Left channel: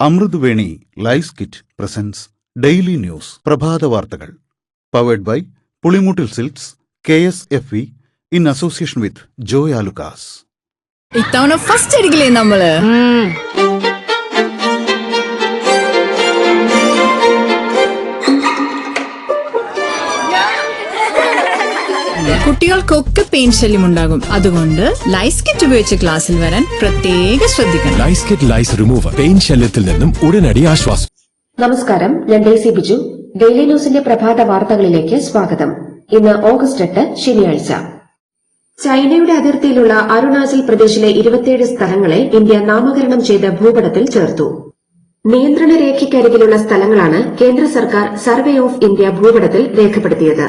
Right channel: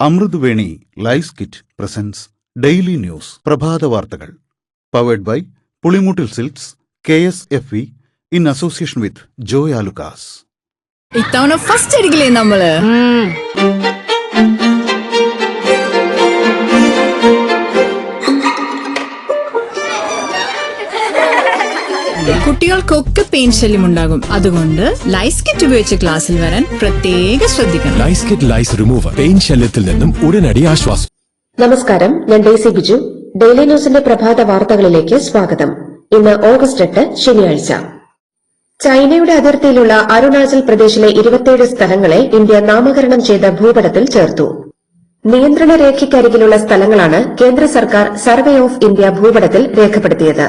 Amruthaveni lice kit presents daily news പ്രഭാത വാർത്തകൾ powered by Pulimoottil silks KSFE in association with Joy Alukkas. ഇത്തവണ first അടിക്കില്ലേ നമ്മള്? കുട്ടികൾക്കൊക്കെ പെയിൻ ശല്യം ഉണ്ടാകും. അതുകൊണ്ട് ലൈസ് കിറ്റ് ഉപയോഗിച്ച് ക്ലാസ്സിൽ വരാൻ പ്രത്യേകം ശ്രദ്ധിക്കണം. ലൈസ് കിറ്റ് ലൈസ് റിമൂവർ പെയിൻ ശല്യത്തിൽ നിന്നും ഉടനടി ആശ്വാസം. നമസ്കാരം, ഞാൻ ഡെയ്സി ബിജു. ഡെയിലി ന്യൂസിന്റെ പ്രഭാത വാർത്തകളിലേക്ക് സ്വാഗതം. ഇന്ന് ഓഗസ്റ്റ് 8 ശനിയാഴ്ച. ചൈനയുടെ അതിർത്തിയിലുള്ള അരുണാചൽ പ്രദേശിലെ 27 സ്ഥലങ്ങളെ ഇന്ത്യ നാമകരണം ചെയ്ത ഭൂപടത്തിൽ ചേർത്തു. നിയന്ത്രണ രേഖയ്ക്കരികിലുള്ള സ്ഥലങ്ങളാണ് കേന്ദ്ര സർക്കാർ സർവേ ഓഫ് ഇന്ത്യ ഭൂപടത്തിൽ രേഖപ്പെടുത്തിയത്.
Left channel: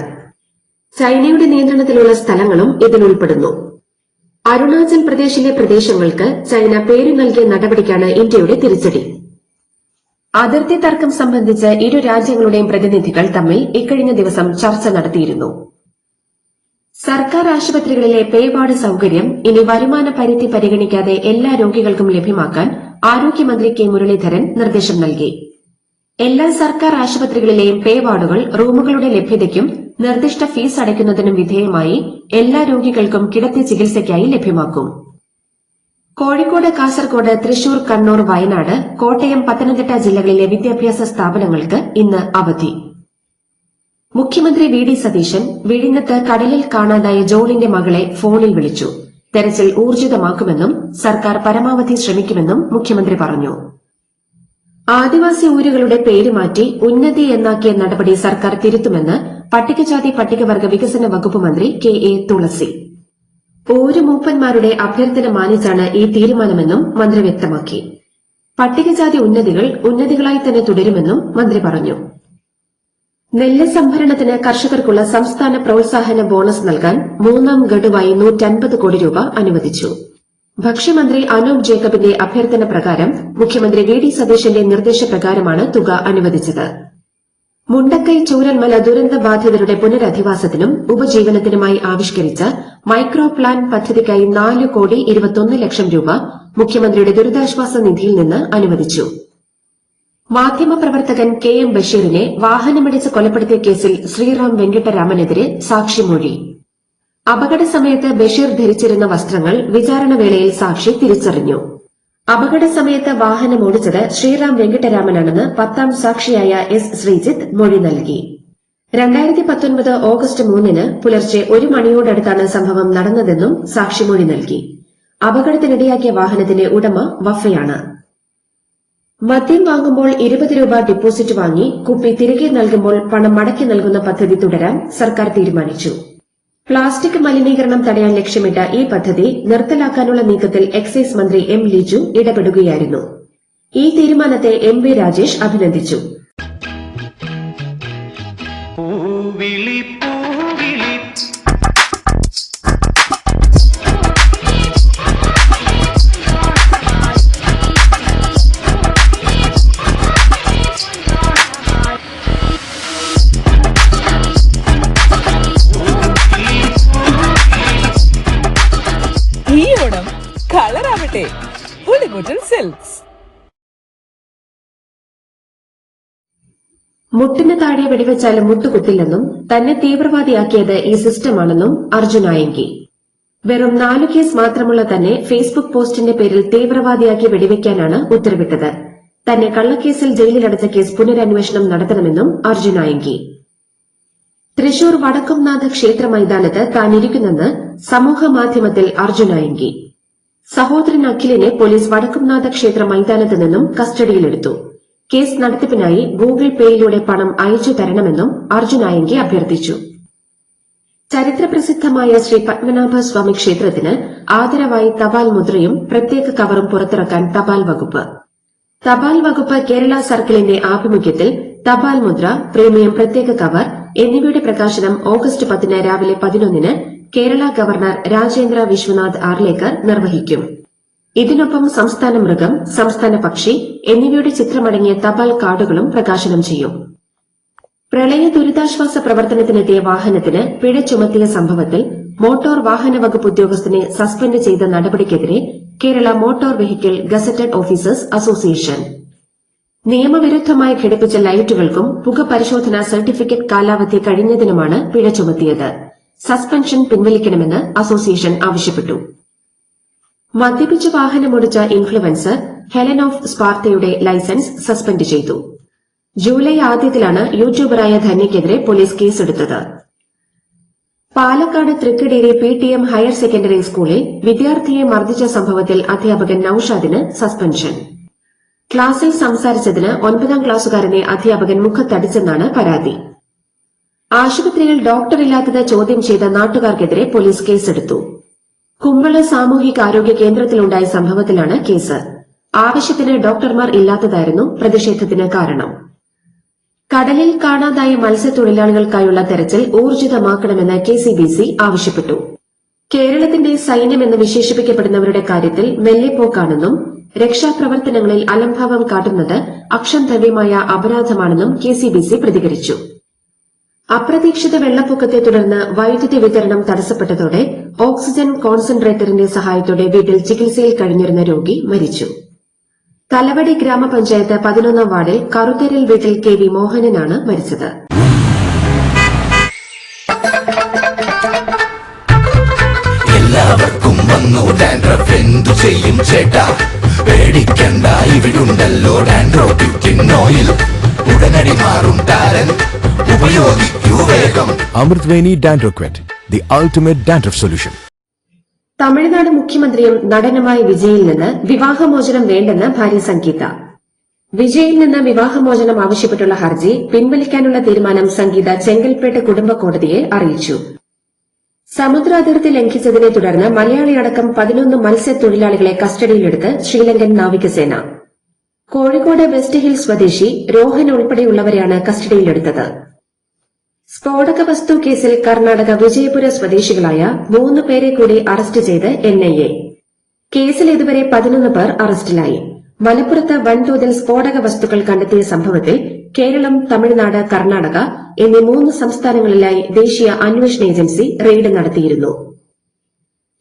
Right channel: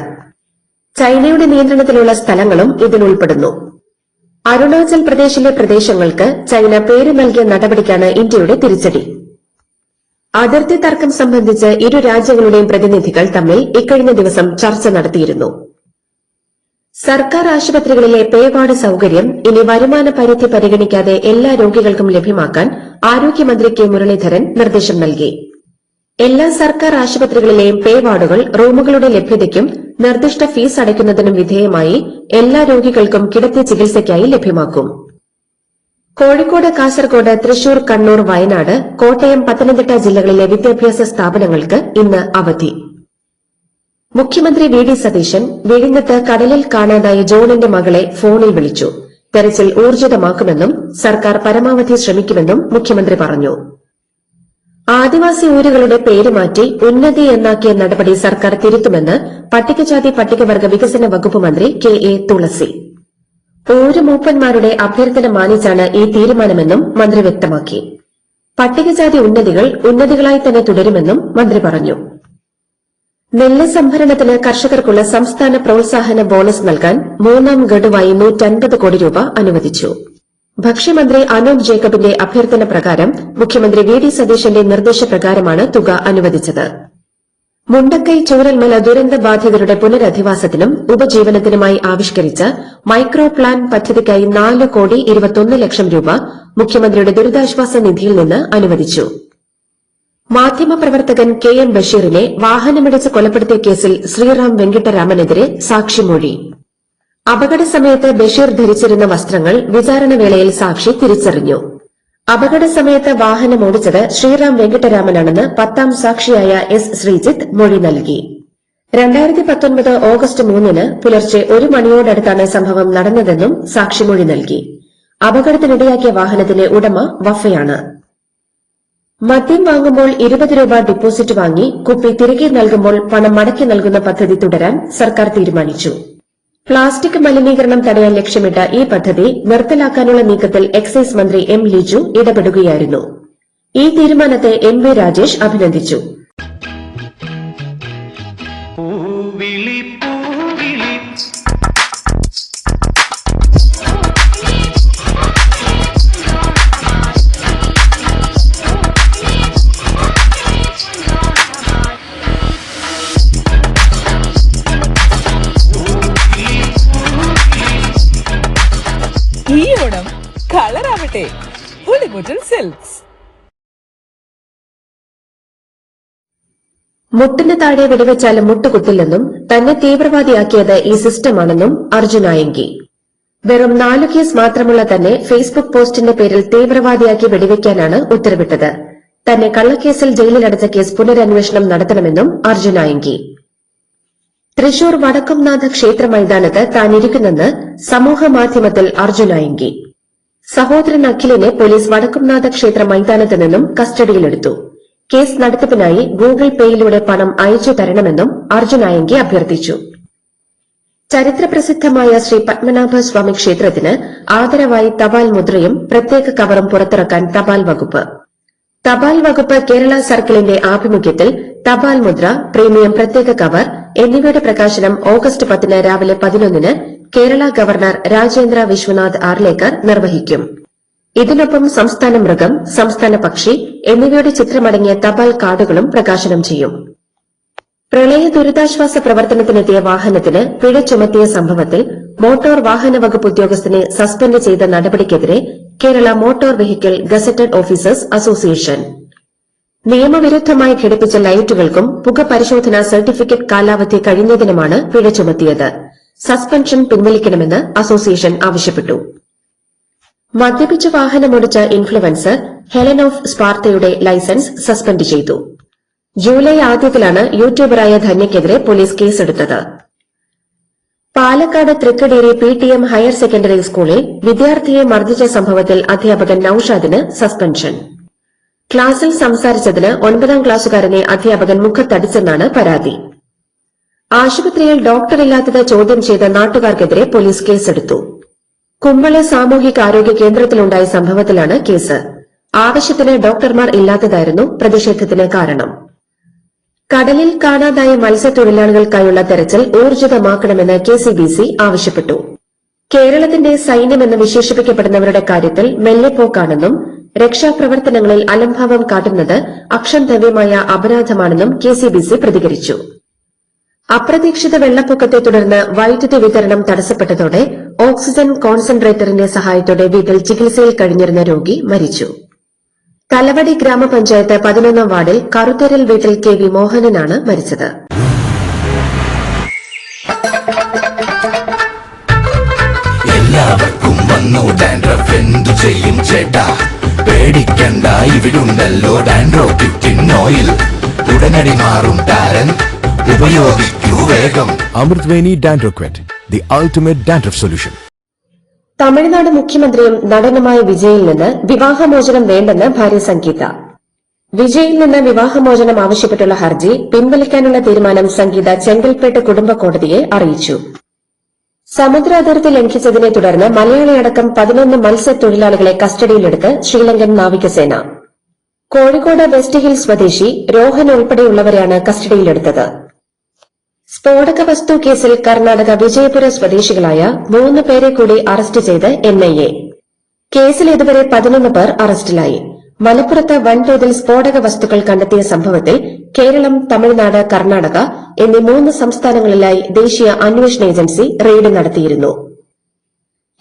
ചൈനയുടെ നിയന്ത്രണത്തിലുള്ള സ്ഥലങ്ങളും ഇതിലുൾപ്പെടുന്നു. അരുണാചൽ പ്രദേശിലെ പ്രദേശങ്ങൾക്ക് ചൈന പേര് നൽകിയ നടപടിക്കാണ് ഇന്ത്യയുടെ തിരിച്ചടി. അതിർത്തി തർക്കം സംബന്ധിച്ച് ഇരു രാജ്യങ്ങളുടെയും പ്രതിനിധികൾ തമ്മിൽ ഇക്കഴിഞ്ഞ ദിവസം ചർച്ച നടത്തിയിരുന്നു. സർക്കാർ ആശുപത്രികളിലെ പേ വാർഡ് സൌകര്യം ഇനി വരുമാന പരിധി പരിഗണിക്കാതെ എല്ലാ രോഗികൾക്കും ലഭ്യമാക്കാൻ ആരോഗ്യമന്ത്രി കെ മുരളീധരൻ നിർദ്ദേശം നൽകി. എല്ലാ സർക്കാർ ആശുപത്രികളിലെയും പേ വാർഡുകൾ റൂമുകളുടെ ലഭ്യതയ്ക്കും നിർദ്ദിഷ്ട ഫീസ് അടയ്ക്കുന്നതിനും വിധേയമായി എല്ലാ രോഗികൾക്കും കിടത്തി ചികിത്സയ്ക്കായി ലഭ്യമാക്കും. കോഴിക്കോട്, കാസർകോട്, തൃശൂർ, കണ്ണൂർ, വയനാട്, കോട്ടയം, പത്തനംതിട്ട ജില്ലകളിലെ വിദ്യാഭ്യാസ സ്ഥാപനങ്ങൾക്ക് ഇന്ന് അവധി. മുഖ്യമന്ത്രി വി.ഡി. സതീശൻ വിഴിഞ്ഞത്ത് കടലിൽ കാണാതായ ജോണിന്റെ മകളെ ഫോണിൽ വിളിച്ചു. തെരച്ചിൽ ഊർജിതമാക്കുമെന്നും സർക്കാർ പരമാവധി ശ്രമിക്കുമെന്നും മുഖ്യമന്ത്രി പറഞ്ഞു. ആദിവാസി ഊരുകളുടെ പേര് മാറ്റി ഉന്നതി എന്നാക്കിയ നടപടി സർക്കാർ തിരുത്തുമെന്ന് പട്ടികജാതി പട്ടികവർഗ വികസന വകുപ്പ് മന്ത്രി കെ.എ. തുളസി. ഊരു മൂപ്പന്മാരുടെ അഭ്യർത്ഥന മാനിച്ചാണ് ഈ തീരുമാനമെന്നും മന്ത്രി വ്യക്തമാക്കി. പട്ടികജാതി ഉന്നതികൾ ഉന്നതികളായി തന്നെ തുടരുമെന്നും മന്ത്രി പറഞ്ഞു. നെല്ല് സംഭരണത്തിന് കർഷകർക്കുള്ള സംസ്ഥാന പ്രോത്സാഹന ബോണസ് നൽകാൻ മൂന്നാം ഗഡുവായി 150 കോടി രൂപ അനുവദിച്ചു. ഭക്ഷ്യമന്ത്രി അനൂപ് ജേക്കബിന്റെ അഭ്യർത്ഥന പ്രകാരം മുഖ്യമന്ത്രി വി.ഡി. സതീശന്റെ നിർദ്ദേശപ്രകാരമാണ് തുക അനുവദിച്ചത്. മുണ്ടക്കൈ ചൂരൽമല ദുരന്ത ബാധിതരുടെ പുനരധിവാസത്തിനും ഉപജീവനത്തിനുമായി ആവിഷ്കരിച്ച മൈക്രോ പ്ലാൻ പദ്ധതിക്കായി 4,21,00,000 രൂപ മുഖ്യമന്ത്രിയുടെ ദുരിതാശ്വാസ നിധിയിൽ നിന്ന് അനുവദിച്ചു. മാധ്യമപ്രവർത്തകൻ കെ.എം. ബഷീറിനെ വാഹനമിടിച്ച് കൊലപ്പെടുത്തിയ കേസിൽ ശ്രീറാം വെങ്കിട്ടരാമനെതിരെ സാക്ഷിമൊഴി. അപകട സമയത്ത് ബഷീർ ധരിച്ചിരുന്ന വസ്ത്രങ്ങൾ വിചാരണവേളയിൽ സാക്ഷി തിരിച്ചറിഞ്ഞു. അപകട സമയത്ത് വാഹനം ഓടിച്ചത് ശ്രീറാം വെങ്കിട്ടരാമനാണെന്ന് 10ാം സാക്ഷിയായ എസ്. ശ്രീജിത്ത് മൊഴി നൽകി. 2019 ഓഗസ്റ്റ് 3 പുലർച്ചെ 1 മണിയോടടുത്താണ് സംഭവം നടന്നതെന്നും സാക്ഷിമൊഴി നൽകി. അപകടത്തിനിടയാക്കിയ വാഹനത്തിന്റെ ഉടമ വഫയാണ്. മദ്യം വാങ്ങുമ്പോൾ 20 രൂപ ഡിപ്പോസിറ്റ് വാങ്ങി കുപ്പി തിരികെ നൽകുമ്പോൾ പണം മടക്കി നൽകുന്ന പദ്ധതി തുടരാൻ സർക്കാർ തീരുമാനിച്ചു. പ്ലാസ്റ്റിക് മലിനീകരണം തടയാൻ ലക്ഷ്യമിട്ട ഈ പദ്ധതി നിർത്തലാക്കാനുള്ള നീക്കത്തിൽ എക്സൈസ് മന്ത്രി എം. ലിജു ഇടപെടുകയായിരുന്നു. ഈ തീരുമാനത്തെ എം. വി. രാജേഷ് അഭിനന്ദിച്ചു. ഈ ഓണം കളറാവട്ടെ പുളിമൂട്ടിൽ സിൽക്സ്. മുട്ടിന് താഴെ വെടിവെച്ചാലും മുട്ടുകുത്തില്ലെന്നും തന്നെ തീവ്രവാദിയാക്കിയത് ഈ സിസ്റ്റമാണെന്നും അർജുനായങ്കി. വെറും 4 കേസ് മാത്രമുള്ള തന്നെ ഫേസ്ബുക്ക് പോസ്റ്റിന്റെ പേരിൽ തീവ്രവാദിയാക്കി വെടിവെക്കാനാണ് ഉത്തരവിട്ടത്. തന്നെ കള്ളക്കേസിൽ ജയിലിലടച്ച കേസ് പുനരന്വേഷണം നടത്തണമെന്നും അർജുനായങ്കി. തൃശൂർ വടക്കുംനാഥ ക്ഷേത്ര മൈതാനത്ത് താനിരിക്കുന്നെന്ന് സമൂഹമാധ്യമത്തിൽ അർജുനായങ്കി. സഹോദരൻ അഖിലിനെ പോലീസ് വടക്കുംനാഥ ക്ഷേത്ര മൈതാനത്ത് നിന്നും കസ്റ്റഡിയിലെടുത്തു. കേസ് നടത്തിപ്പിനായി ഗൂഗിൾ പേയിലൂടെ പണം അയച്ചു തരണമെന്നും അർജുനായങ്കി അഭ്യർത്ഥിച്ചു. ചരിത്രപ്രസിദ്ധമായ ശ്രീ പത്മനാഭസ്വാമി ക്ഷേത്രത്തിന് ആദരവായി തപാൽ മുദ്രയും പ്രത്യേക കവറും പുറത്തിറക്കാൻ തപാൽ വകുപ്പ്. തപാൽ വകുപ്പ് കേരള സർക്കിളിന്റെ ആഭിമുഖ്യത്തിൽ തപാൽ മുദ്ര, പ്രീമിയം പ്രത്യേക കവർ എന്നിവയുടെ പ്രകാശനം ഓഗസ്റ്റ് 10 രാവിലെ 11 കേരള ഗവർണർ രാജേന്ദ്ര വിശ്വനാഥ് ആർലേക്കർ നിർവഹിക്കും. ഇതിനൊപ്പം സംസ്ഥാന മൃഗം, സംസ്ഥാന പക്ഷി എന്നിവയുടെ ചിത്രമടങ്ങിയ തപാൽ കാർഡുകളും പ്രകാശനം ചെയ്യും. പ്രളയ ദുരിതാശ്വാസ പ്രവർത്തനത്തിനെത്തിയ വാഹനത്തിന് പിഴ ചുമത്തിയ സംഭവത്തിൽ മോട്ടോർ വാഹന വകുപ്പ് ഉദ്യോഗസ്ഥനെ സസ്പെൻഡ് ചെയ്ത നടപടിക്കെതിരെ Kerala motor vehicle gazetted officers association നിയമവിരുദ്ധമായി ഘടിപ്പിച്ച ലൈറ്റുകൾക്കും പുക പരിശോധനാ സർട്ടിഫിക്കറ്റ് കാലാവധി കഴിഞ്ഞതിനുമാണ് പിഴ ചുമത്തിയത്. സസ്പെൻഷൻ പിൻവലിക്കണമെന്ന് അസോസിയേഷൻ ആവശ്യപ്പെട്ടു. മദ്യപിച്ച് വാഹനമോടിച്ച ഇൻഫ്ലുവൻസർ ഹെലൻ ഓഫ് സ്പാർത്തയുടെ ലൈസൻസ് സസ്പെൻഡ് ചെയ്തു. ജൂലൈ ആദ്യത്തിലാണ് യൂട്യൂബറായ ധന്യയ്ക്കെതിരെ പോലീസ് കേസെടുത്തത്. Palakkad Thrikkadeeri PTM higher secondary സ്കൂളിൽ വിദ്യാർത്ഥിയെ മർദ്ദിച്ച സംഭവത്തിൽ അധ്യാപകൻ നൌഷാദിന് സസ്പെൻഷൻ. ക്ലാസിൽ സംസാരിച്ചതിന് 9ാം ക്ലാസുകാരനെ അധ്യാപകൻ മുഖത്തടിച്ചെന്നാണ് പരാതി. ആശുപത്രിയിൽ ഡോക്ടറില്ലാത്തത് ചോദ്യം ചെയ്ത നാട്ടുകാർക്കെതിരെ പോലീസ് കേസെടുത്തു. കുമ്പള സാമൂഹികാരോഗ്യ കേന്ദ്രത്തിലുണ്ടായ സംഭവത്തിലാണ് കേസ്. ആവശ്യത്തിന് ഡോക്ടർമാർ ഇല്ലാത്തതായിരുന്നു പ്രതിഷേധത്തിന് കാരണം. കടലിൽ കാണാതായ മത്സ്യത്തൊഴിലാളികൾക്കായുള്ള തെരച്ചിൽ ഊർജിതമാക്കണമെന്ന് KCBC ആവശ്യപ്പെട്ടു. കേരളത്തിന്റെ സൈന്യമെന്ന് വിശേഷിപ്പിക്കപ്പെടുന്നവരുടെ കാര്യത്തിൽ മെല്ലെപ്പോക്കാണെന്നും രക്ഷാപ്രവർത്തനങ്ങളിൽ അലംഭാവം കാട്ടുന്നത് അക്ഷന്തവ്യമായ അപരാധമാണെന്നും KCBC പ്രതികരിച്ചു. അപ്രതീക്ഷിത വെള്ളപ്പൊക്കത്തെ തുടർന്ന് വൈദ്യുതി വിതരണം തടസ്സപ്പെട്ടതോടെ ഓക്സിജൻ കോൺസെൻട്രേറ്ററിന്റെ സഹായത്തോടെ വീട്ടിൽ ചികിത്സയിൽ കഴിഞ്ഞിരുന്ന രോഗി മരിച്ചു. കലവടി ഗ്രാമപഞ്ചായത്ത് 11ാം വാർഡിൽ കറുത്തരൽ വീട്ടിൽ KV മോഹനനാണ് മരിച്ചത്. എല്ലാവർക്കും വന്നു ഡാൻഡ്രഫ്, എന്തു ചെയ്യും ചേട്ടാ? പേടിക്കണ്ട, ഇവിടുണ്ടല്ലോ ഡാൻഡ്രോപിക്റ്റിൻ ഓയിൽ. ഉടനടി മാറും ടാരൻ, ഉപയോഗിക്കൂ വേഗം. അമൃത്വേനി ഡാൻഡ്രോക്വെറ്റ്, the ultimate dandruff solution. Tamil Nadu മുഖ്യമന്ത്രിയും നടനുമായ വിജയിൽ നിന്ന് വിവാഹമോചനം വേണ്ടെന്ന് ഭാര്യ സംഗീത. വിജയിൽ നിന്ന് വിവാഹമോചനം ആവശ്യപ്പെട്ടുള്ള ഹർജി പിൻവലിക്കാനുള്ള തീരുമാനം സംഗീത ചെങ്കൽപ്പേട്ട് കുടുംബ കോടതിയെ അറിയിച്ചു. സമുദ്ര അതിർത്തി ലംഘിച്ചതിനെ തുടർന്ന് മലയാളിയടക്കം 11 മത്സ്യത്തൊഴിലാളികളെ കസ്റ്റഡിയിലെടുത്ത് ശ്രീലങ്കൻ നാവികസേന. കോഴിക്കോട് വെസ്റ്റ് ഹിൽ സ്വദേശി രോഹൻ ഉൾപ്പെടെയുള്ളവരെയാണ് കസ്റ്റഡിയിലെടുത്തത്. സ്ഫോടക വസ്തു കേസിൽ കർണാടക വിജയപുര സ്വദേശികളായ 3 പേരെ കൂടി അറസ്റ്റ് ചെയ്ത് NIA. കേസിൽ ഇതുവരെ 11 പേർ അറസ്റ്റിലായി. മലപ്പുറത്ത് വൻതോതിൽ സ്ഫോടക വസ്തുക്കൾ കണ്ടെത്തിയ സംഭവത്തിൽ കേരളം, തമിഴ്നാട്, കർണാടക എന്നീ 3 സംസ്ഥാനങ്ങളിലായി ദേശീയ അന്വേഷണ ഏജൻസി റെയ്ഡ് നടത്തിയിരുന്നു.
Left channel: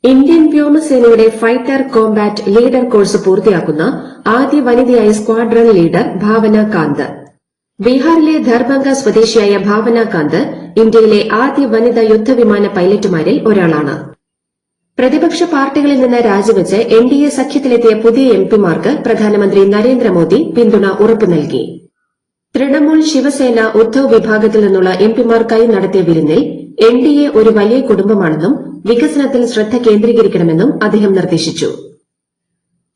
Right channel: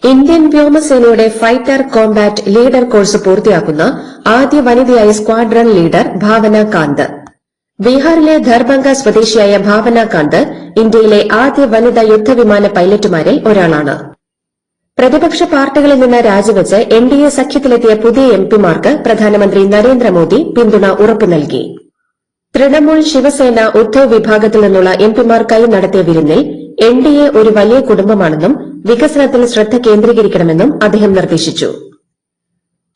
ഇന്ത്യൻ വ്യോമസേനയുടെ ഫൈറ്റർ കോംബാറ്റ് ലീഡർ കോഴ്സ് പൂർത്തിയാക്കുന്ന ആദ്യ വനിതയായ സ്ക്വാഡ്രൺ ലീഡർ ഭാവന കാന്ത്. ബീഹാറിലെ ദർഭംഗ സ്വദേശിയായ ഭാവന കാന്ത് ഇന്ത്യയിലെ ആദ്യ വനിതാ യുദ്ധവിമാന പൈലറ്റുമാരിൽ ഒരാളാണ്. പ്രതിപക്ഷ പാർട്ടികളിൽ നിന്ന് രാജിവെച്ച് NDA സഖ്യത്തിലെത്തിയ പുതിയ MPമാർക്ക് പ്രധാനമന്ത്രി നരേന്ദ്രമോദി പിന്തുണ ഉറപ്പു നൽകി. തൃണമൂൽ, ശിവസേന, ഉദ്ധവ് വിഭാഗത്തിൽ നിന്നുള്ള MPമാർക്കായി നടത്തിയ വിരുന്നിൽ NDA ഒരു വലിയ കുടുംബമാണെന്നും വികസനത്തിൽ ശ്രദ്ധ കേന്ദ്രീകരിക്കണമെന്നും അദ്ദേഹം നിർദ്ദേശിച്ചു.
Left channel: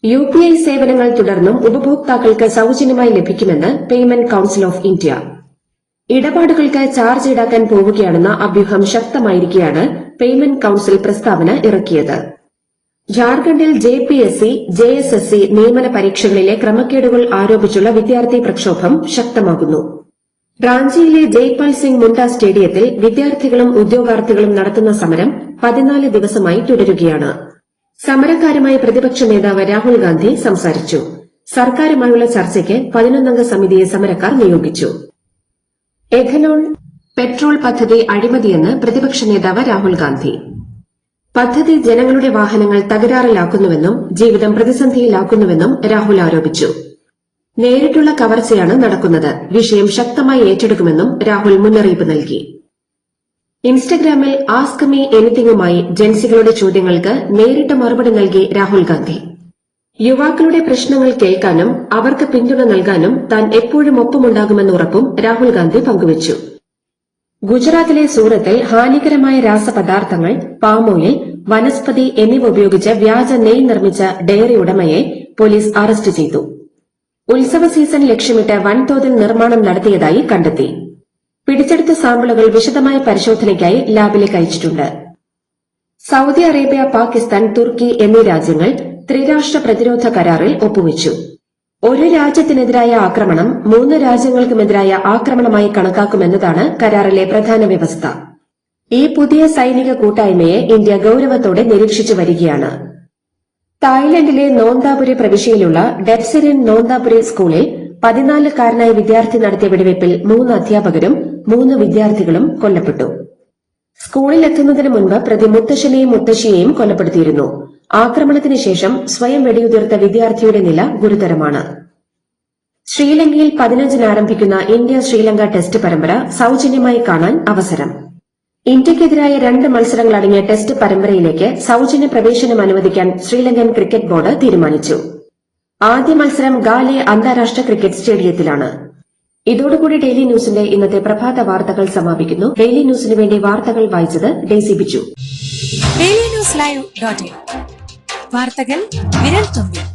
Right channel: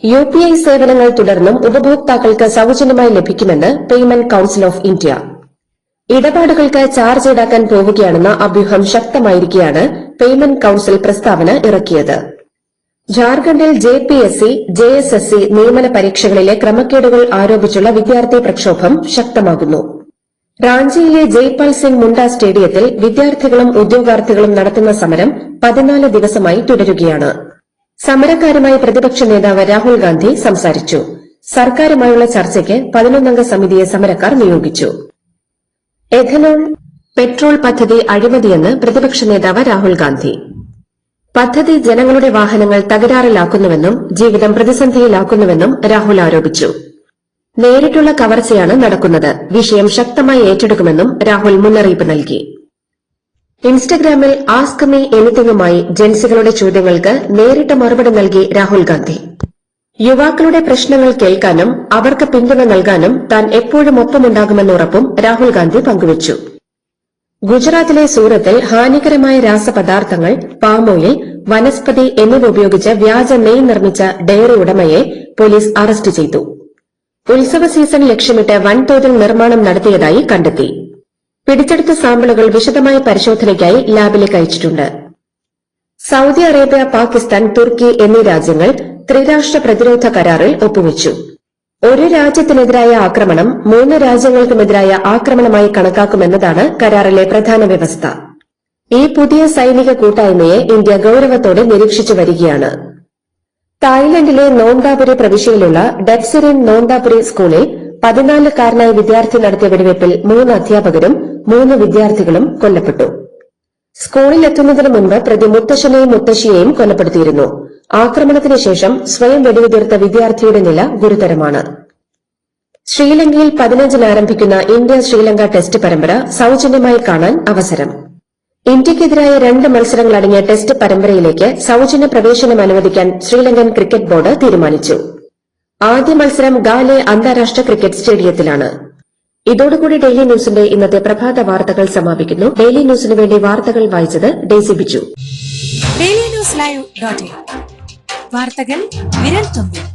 UPI സേവനങ്ങൾ തുടർന്നും ഉപഭോക്താക്കൾക്ക് സൌജന്യമായി ലഭിക്കുമെന്ന് പേയ്മെന്റ് കൌൺസിൽ ഓഫ് ഇന്ത്യ. ഇടപാടുകൾക്ക് ചാർജ് ഈടാക്കാൻ പോവുകയാണെന്ന അഭ്യൂഹം ശക്തമായിരിക്കെയാണ് പേയ്മെന്റ് കൌൺസിൽ പ്രസ്താവന ഇറക്കിയത്. ജാർഖണ്ഡിൽ JPSC, JSSC നിയമന പരീക്ഷകളിലെ ക്രമക്കേടുകൾ ആരോപിച്ചുള്ള വിദ്യാർത്ഥി പ്രക്ഷോഭം ശക്തമാകുന്നു. റാഞ്ചിയിലെ ജയ്പാൽ സിംഗ് മുണ്ട സ്റ്റേഡിയത്തിൽ വിദ്യാർത്ഥികളും ഉദ്യോഗാർത്ഥികളും നടത്തുന്ന സമരം 14 ദിവസമായി തുടരുകയാണ്. സമരക്കാരുമായി പ്രതിപക്ഷ നേതാവ് രാഹുൽ ഗാന്ധി സംസാരിച്ചു. സർക്കാരുമായുള്ള ചർച്ചയ്ക്ക് 11 സമിതിയെ സമരക്കാർ നിയോഗിച്ചു. എഥനോൾ പെട്രോൾ പദ്ധതി അഴിമതിയെന്ന് പ്രതിപക്ഷ നേതാവ് രാഹുൽ ഗാന്ധി. പദ്ധതി ജനങ്ങളുടെ വാഹനങ്ങൾ തകരാറിലാക്കുന്നുവെന്നും ജീവിതം പ്രതിസന്ധിയിലാക്കുന്നുവെന്നും രാഹുൽ ആരോപിച്ചു. നേരിട്ടുള്ള കവർച്ചയാണ് നടക്കുന്നത്, വിഷയം ശക്തമായി ഏറ്റെടുക്കുമെന്നും രാഹുൽ മുന്നറിയിപ്പ് നൽകി. ഇൻസ്റ്റഗ്രാമിൽ ആസ്ക് മീ എനിത്തിങ്ങുമായി ജൻസികളുടെ ചോദ്യങ്ങൾക്ക് നേരിട്ട് മറുപടി നൽകി രാഹുൽ ഗാന്ധി. യുവാക്കളുടെ പ്രശ്നങ്ങൾ കേൾക്കാനും അവർക്ക് പിന്തുണ നൽകാനും താൻ എപ്പോഴും ഒപ്പമുണ്ടാകുമെന്ന ഉറപ്പും രാഹുൽ ഗാന്ധി പങ്കുവച്ചു. ഗുജറാത്തിലെ സൂറത്തിൽ ഹാനികരമായ രാസപദാർത്ഥങ്ങൾ, പാമോയിൽ, വനസ്പതി എന്നിവ ഉപയോഗിച്ച് വ്യാജ നെയ് നിർമ്മിച്ച ഡയറി ഉടമയെ പോലീസ് അറസ്റ്റ് ചെയ്തു. ഉത്സവ സീസൺ ലക്ഷ്യമിട്ട് വൻതോതിൽ നിർമ്മാണം നടത്തിയതായി കണ്ടെത്തി. പിടിച്ചെടുത്ത സാമ്പിളുകൾ വിശദമായ പരിശോധനയ്ക്കായി ലാബിലേക്ക് അയച്ചിട്ടുണ്ട്. സൌദി അറേബ്യ, പാകിസ്ഥാൻ, തുർക്കി എന്നീ രാജ്യങ്ങൾ ത്രിരാഷ്ട്ര പ്രതിരോധ കരാറിൽ ഒപ്പുവച്ചു. ഒരു രാജ്യത്തിനെതിരായ ആക്രമണം 3 രാജ്യങ്ങൾക്കുമെതിരായ ആക്രമണമായി കണക്കാക്കുമെന്നതാണ് കരാറിലെ പ്രധാന വ്യവസ്ഥ. ഈ പുതിയ സൈനിക കൂട്ടായ്മയെ ഇന്ത്യ ഗൌരവത്തോടെ നിരീക്ഷിച്ചു വരികയാണ്. തായ്ലൻഡിലെ നോന്താപുരി പ്രവിശ്യയിലുള്ള ഡെപ്സിറിൻ നോന്താപുരി സ്കൂളിൽ 14-കാരനായ വിദ്യാർത്ഥി നടത്തിയ വെടിവയ്പിൽ 3 അധ്യാപകരും 3 വിദ്യാർത്ഥികളും കൊല്ലപ്പെട്ടു. സ്കൂളിലെത്തുന്നതിന് മുൻപ് പ്രതി മുത്തശ്ശനെയും മുത്തശ്ശിയെയും കൊലപ്പെടുത്തിയിരുന്നു. ആക്രമണത്തിന് ശേഷം സ്വയം വെടിയുതിർത്ത വിദ്യാർത്ഥിയുടെ നില ഗുരുതരമാണ്. ശ്രീലങ്കയിൽ 15-ന് ആരംഭിക്കുന്ന ഇന്ത്യ ശ്രീലങ്ക ടെസ്റ്റ് പരമ്പര സൌജന്യമായി കാണാൻ അവസരം. ഇന്ത്യയ്ക്കെതിരായ 2 മത്സരങ്ങളടങ്ങിയ ടെസ്റ്റ് പരമ്പരയിലേക്ക് സൌജന്യ പ്രവേശനം അനുവദിക്കാൻ ശ്രീലങ്കൻ ക്രിക്കറ്റ് ബോർഡ് തീരുമാനിച്ചു. ആദ്യ മത്സരം ഗാലെ അന്താരാഷ്ട്ര ക്രിക്കറ്റ് സ്റ്റേഡിയത്തിലാണ്. ഇതോടുകൂടി ഡെയിലി ന്യൂസിന്റെ ഇന്നത്തെ പ്രഭാത വാർത്തകൾ സമാപിക്കുന്നു. ഡെയിലി ന്യൂസിന് വേണ്ടി വാർത്തകൾ വായിച്ചത് ഡെയ്സി ബിജു. ഡെയിലി ന്യൂസ് ലൈവ്.in വാർത്തകൾ വിരൽ തുമ്പിൽ.